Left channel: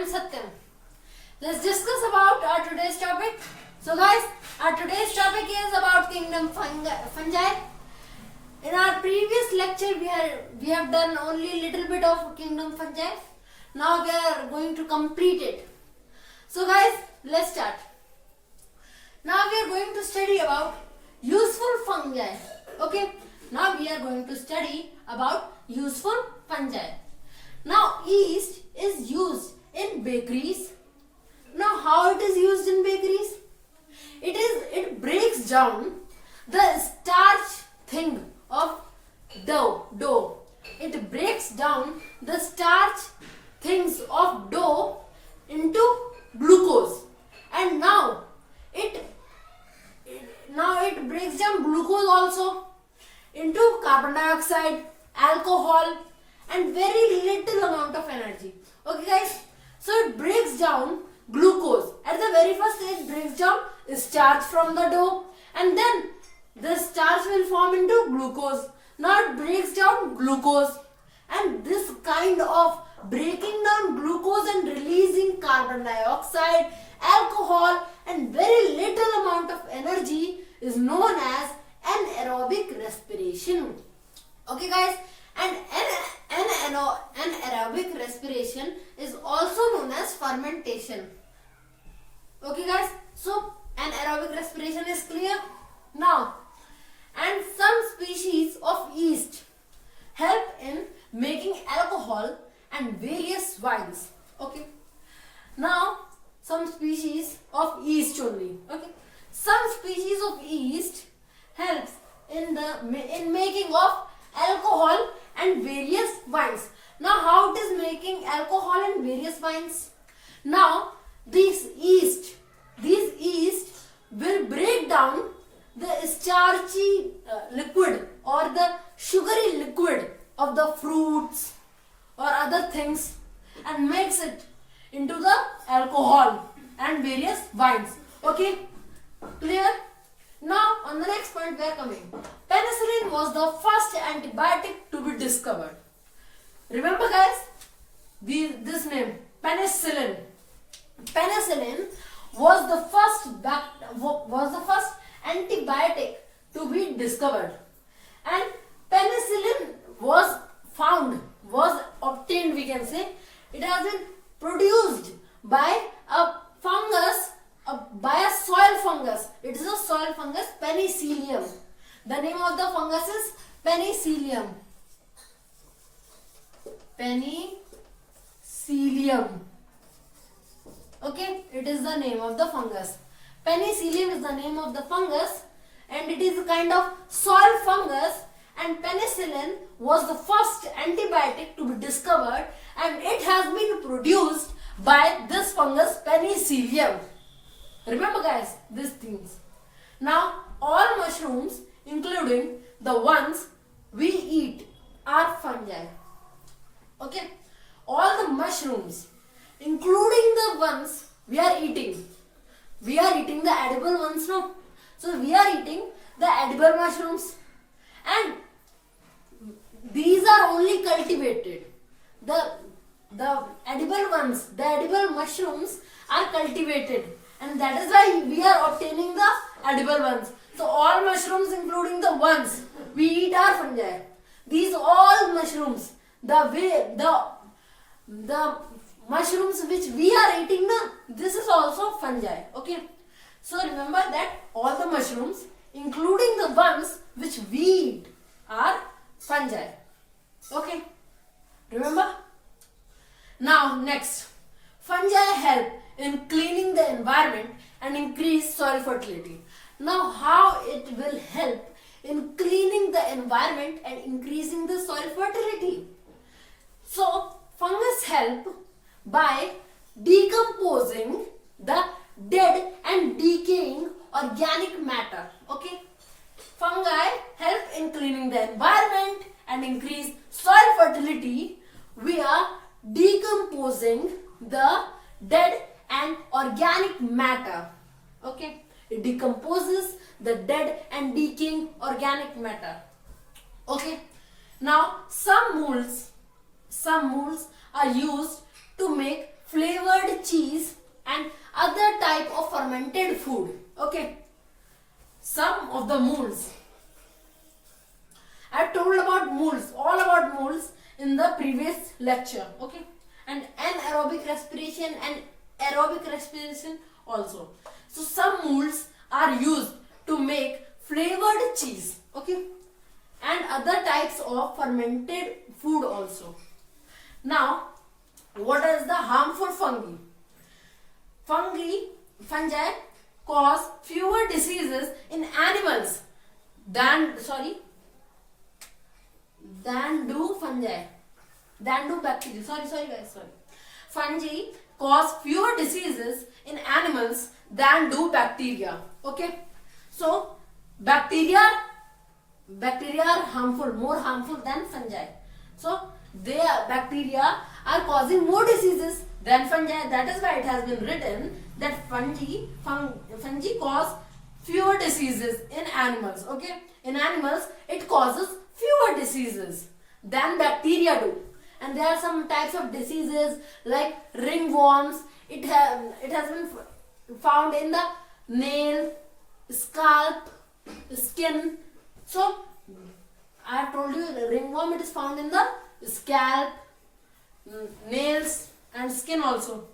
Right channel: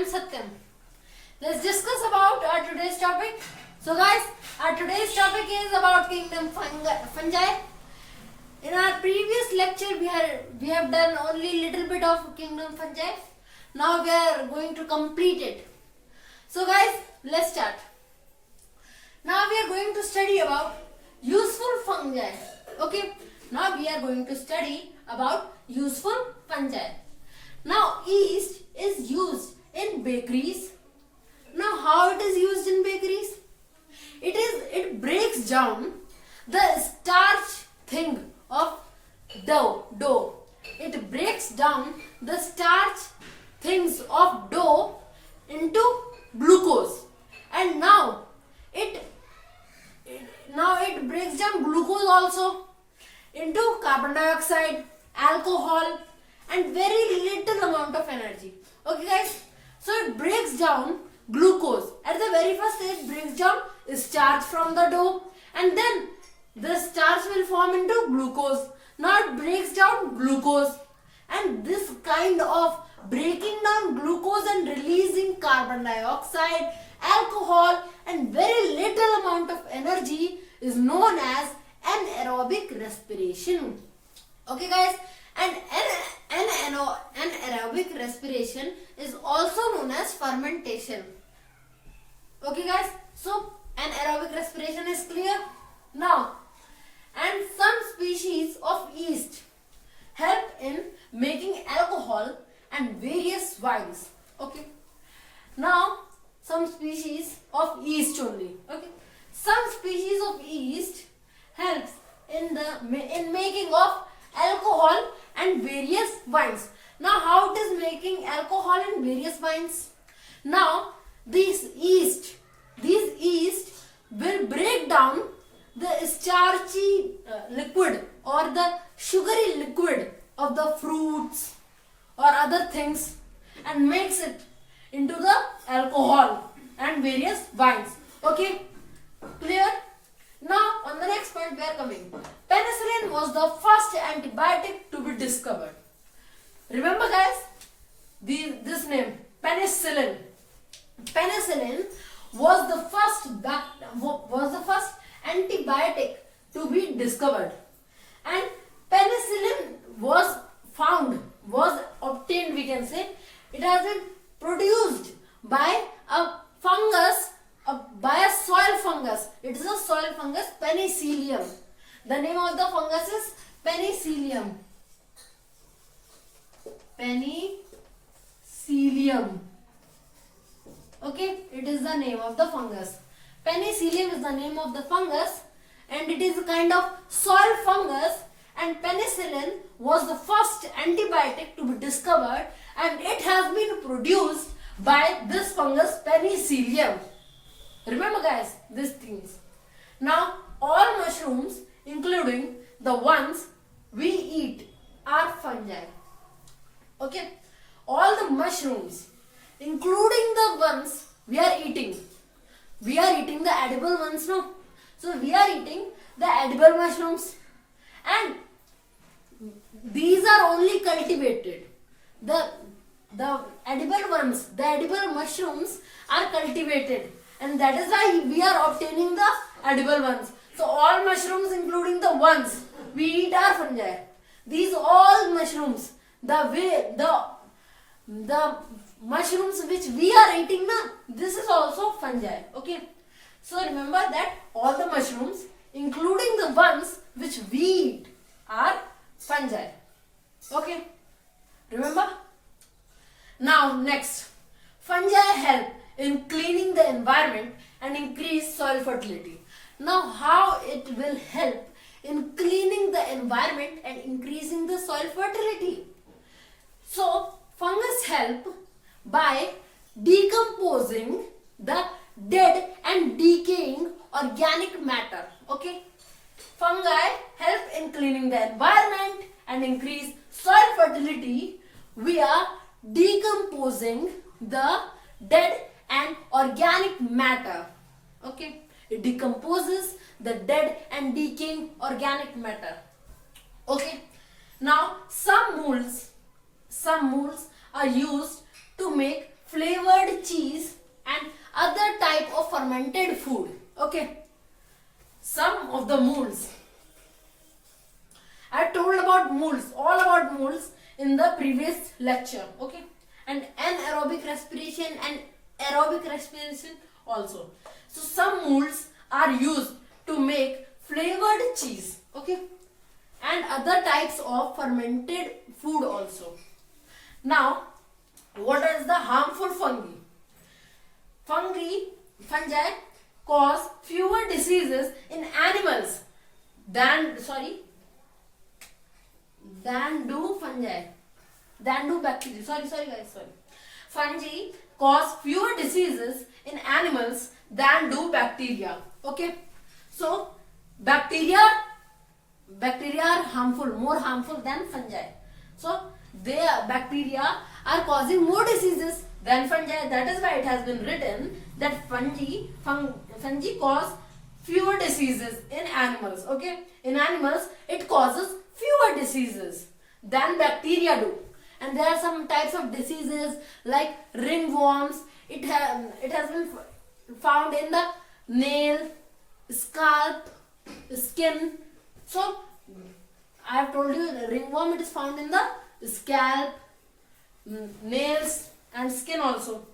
am Satyam. Let's discuss about our today's topic. So guys, our today's topic is about kingdom fungi. In our previous lecture, we have done only little bit of kingdom fungi. Now we are going to complete it. So guys, let's start. Now we are going to study about useful fungi. Okay. Now we are going to study about useful fungi. Now yeast is used in bakeries. Now how it is used in bakeries? It breaks down the starch thing of dough. It breaks down the starch things of dough into glucose, and now it breaks down glucose also into carbon dioxide, alcohol, and very little amount of energy. Okay guys, so it breaks down glucose. At the very first it breaks down starch from the dough, and then the starch will form into glucose. Now it breaks down glucose, and this kind of breaking down glucose and releasing carbon dioxide, alcohol, and very little amount of energy is known as anaerobic respiration. Okay guys, and anaerobic respiration is also known as fermentation. Okay guys, so anaerobic respiration is clear now. And some species of yeast help in making alcohol and various wines. Okay, now some species of yeast only. Okay, some species of yeast helps in making of alcohol and various wines. Now how it is making alcohol and various wines? Now these yeast will break down the starchy liquid or the sugary liquid of the fruits or other things and makes it into the alcohol and various wines. Okay, clear? Now on the next point we are coming. Penicillin was the first antibiotic to be discovered. Remember guys, this name penicillin. Penicillin was the first antibiotic to be discovered, and penicillin was obtained, we can say. It has been produced by a fungus, by a soil fungus. It is a soil fungus, Penicillium. The name of the fungus is Penicillium. Penicillium. Okay, it is the name of the fungus. Penicillium is the name of the fungus, and it is a kind of soil fungus, and penicillin was the first antibiotic to be discovered, and it has been produced by this fungus Penicillium. Remember guys, these things. Now all mushrooms, including the ones we eat, are fungi. Okay, all the mushrooms, including the ones we are eating. We are eating the edible ones, no? So we are eating the edible mushrooms, and these are only cultivated. The edible ones, the edible mushrooms are cultivated, and that is why we are obtaining the edible ones. So all mushrooms, including the ones we eat, are fungi. These all mushrooms, the mushrooms which we are eating, this is also fungi. Okay, so remember that all the mushrooms, including the ones which we eat, are fungi. Okay, remember? Now next, fungi help in cleaning the environment and increase soil fertility. Now how it will help in cleaning the environment and increasing the soil fertility? So fungus help by decomposing the dead and decaying organic matter. Okay, fungi help in cleaning the environment and increase soil fertility via decomposing the dead and organic matter. Okay, it decomposes the dead and decaying organic matter. Okay, now some molds are used to make flavored cheese and other type of fermented food. Okay. Some of the molds. I told about molds, all about molds in the previous lecture. Okay. And anaerobic respiration and aerobic respiration also. So some molds are used to make flavored cheese. Okay. And other types of fermented food also. Now, what is the harmful fungi? Fungi cause fewer diseases in animals than bacteria. Sorry guys. Fungi cause fewer diseases in animals than do bacteria. Okay. So bacteria are harmful, more harmful than fungi. So bacteria are causing more diseases than fungi. That is why it has been written that fungi cause fewer diseases in animals. Okay, in animals it causes fewer diseases than bacteria do. And there are some types of diseases like ringworms. It has been found in the nail, scalp, skin. So I have told you the ringworm, it is found in the scalp, nails and skin also.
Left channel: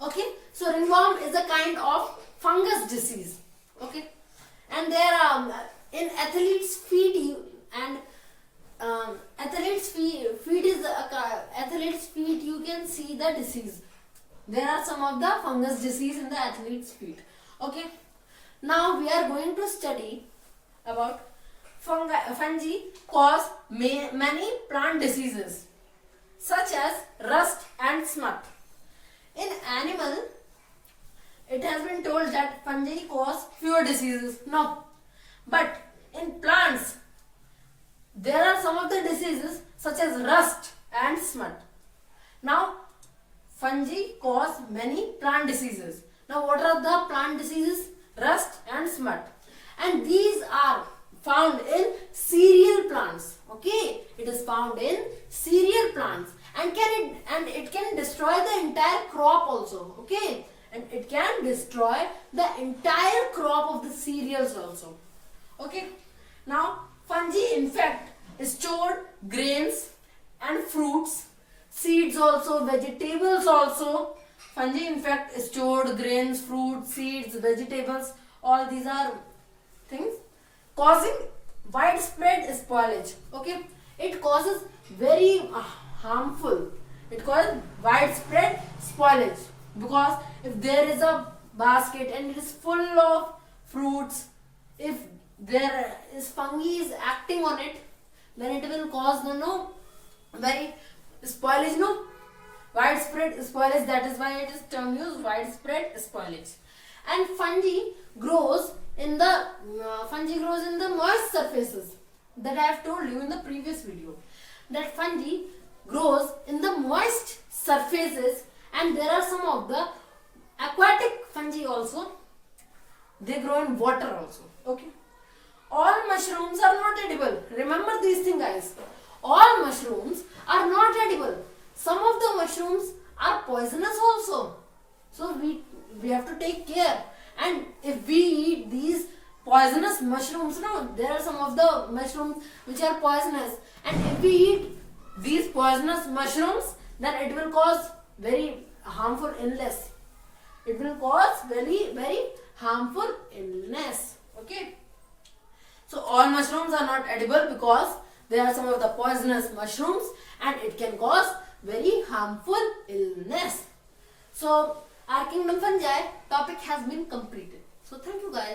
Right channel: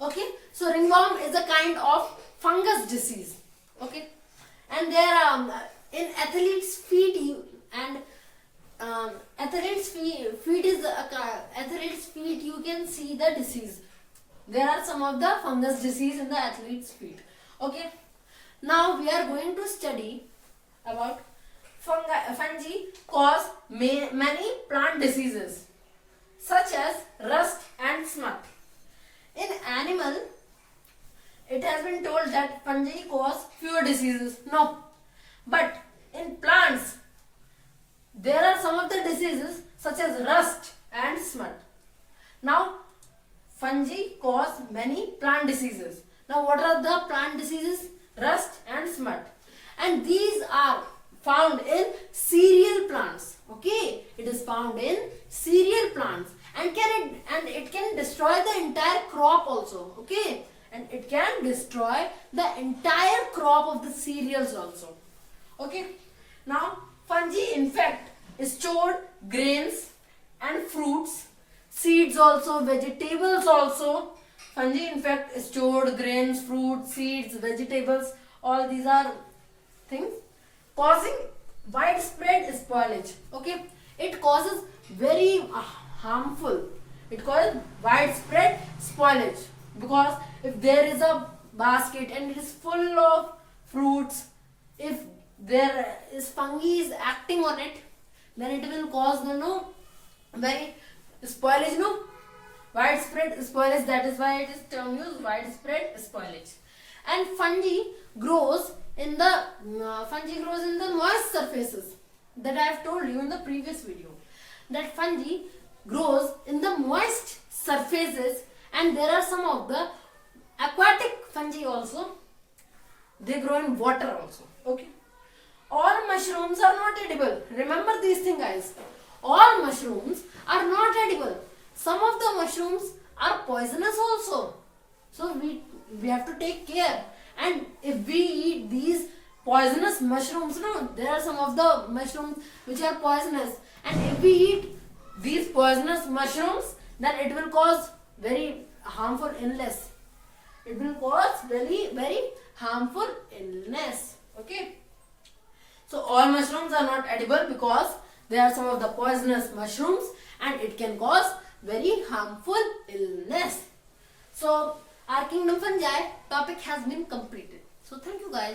Okay, so ringworm is a kind of fungus disease. Okay, and there are in athlete's feet athlete's feet you can see the disease. There are some of the fungus disease in the athlete's feet. Okay, now we are going to study about fungi cause many plant diseases such as rust and smut. In animal, it has been told that fungi cause fewer diseases. No, but in plants, there are some of the diseases such as rust and smut. Now, fungi cause many plant diseases. Now, what are the plant diseases? Rust and smut. And these are found in cereal plants. Okay, it is found in cereal plants, and it can destroy the entire crop also. Okay, and it can destroy the entire crop of the cereals also. Okay, now fungi infect stored grains and fruits, seeds also, vegetables also. Fungi infect stored grains, fruits, seeds, vegetables. All these are things causing widespread spoilage. Okay, it causes very harmful. It causes widespread spoilage, because if there is a basket and it is full of fruits, if there is fungi is acting on it, then it will cause the very spoilage, widespread spoilage. That is why it is term used widespread spoilage. And fungi grows in the moist surfaces. That I have told you in the previous video, that fungi grows in the moist surfaces, and there are some of the aquatic fungi also. They grow in water also. Okay, all mushrooms are not edible. Remember these things, guys. All mushrooms are not edible. Some of the mushrooms are poisonous also. So we have to take care. And if we eat these poisonous mushrooms, there are some of the mushrooms which are poisonous, and if we eat these poisonous mushrooms, then it will cause very harmful illness. It will cause very, very harmful illness. Okay. So all mushrooms are not edible because there are some of the poisonous mushrooms, and it can cause very harmful illness. So our kingdom fungi topic has been completed. So thank you guys.